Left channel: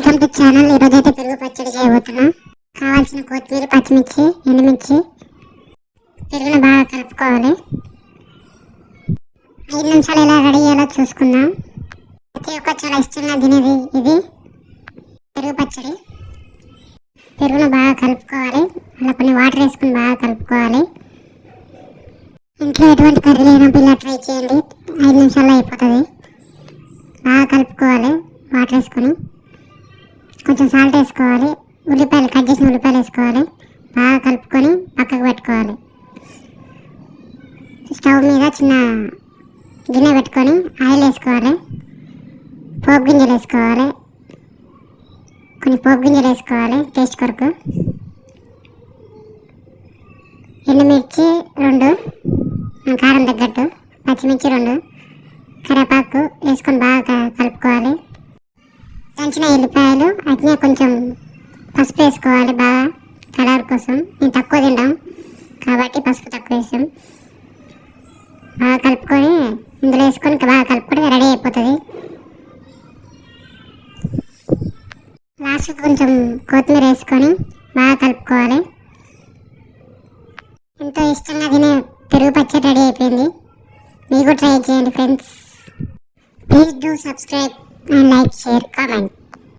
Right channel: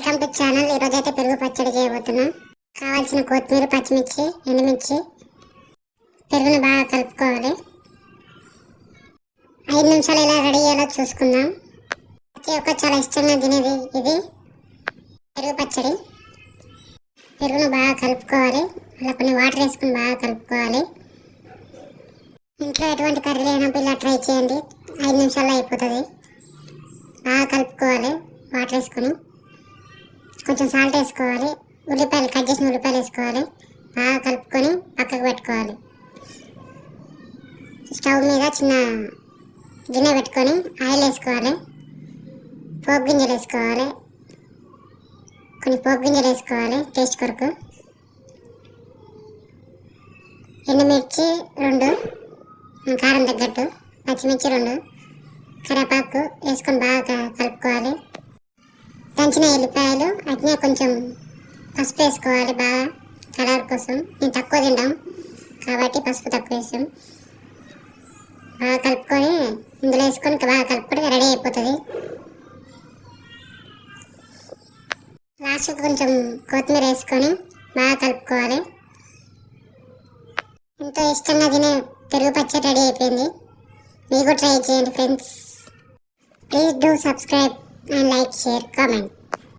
Welcome to channel. ఈరోజు అయితే పెరుగు పచ్చడి చేయబోతున్నా. కావాల్సిన కొత్తిమీర, పచ్చిమిర్చి, ఎండుమిర్చి, పెరుగును బాగా కలుపుకోవాలి. 5 నిమిషాలు ఎలా రెడీ అయ్యేలా చూసుకుందాం. ప్రతి ఒక్క చాలా ఇష్టంగా తినేది ఇది పెరుగు పచ్చడి. పెరుగును బాగా కలుపుకోవాలి. అలా కొన్ని వాటర్ వేసుకుని బాగా కలుపుకోవాలి. ఇంట్లో ఎటువంటి కర్రీ లేనప్పుడు ఇలా ట్రై చేయండి. 5 నిమిషాల్లో అయిపోతుంది. బాగా కలుపుకోవాలి. వాటర్ వేసుకొని కొంచెం సాల్ట్ వేసుకోవాలి. ఉల్లిపాయలు కట్ చేసిన ఉల్లిపాయలు వేసుకోవాలి. బాగా కలుపుకొని పక్కకు పెట్టుకోవాలి. స్టవ్ మీద చిన్న గిన్నె పెట్టుకొని ఆయిల్ వేసుకోవాలి. పోపు గింజలు వేసుకోవాలి. కొన్ని పోపు గింజలు వేసుకోవాలి టేస్ట్ కొరకు. ఎండుమిర్చి 2, కారం తగ్గట్టు, పచ్చిమిర్చి 2, కరివేపాకు వేసుకొని బాగా కలుపుకోవాలి. దంచిన ఎల్లిపాయలు, అట్నే కొంచెం పసుపు వేసుకోవాలి బాగా కలర్ కోసం. నేను తక్కువ తింటాం కాబట్టి పసుపు తక్కువ వేసాం. బాగా కలుపుకొని ఇందులో వేసుకొని బాగా కలుపుకొని రెడీ అయిపోతుంది. లాస్ట్కి కొంచెం కొత్తిమీర వేసుకొని బాగా కలుపుకోవాలి. ఎంతో ఇష్టంగా తినే పెరుగు పచ్చడి రెడీ అయిపోయింది. మీకు ట్రై చేయండి friends. Please do subscribe and like, share, comment.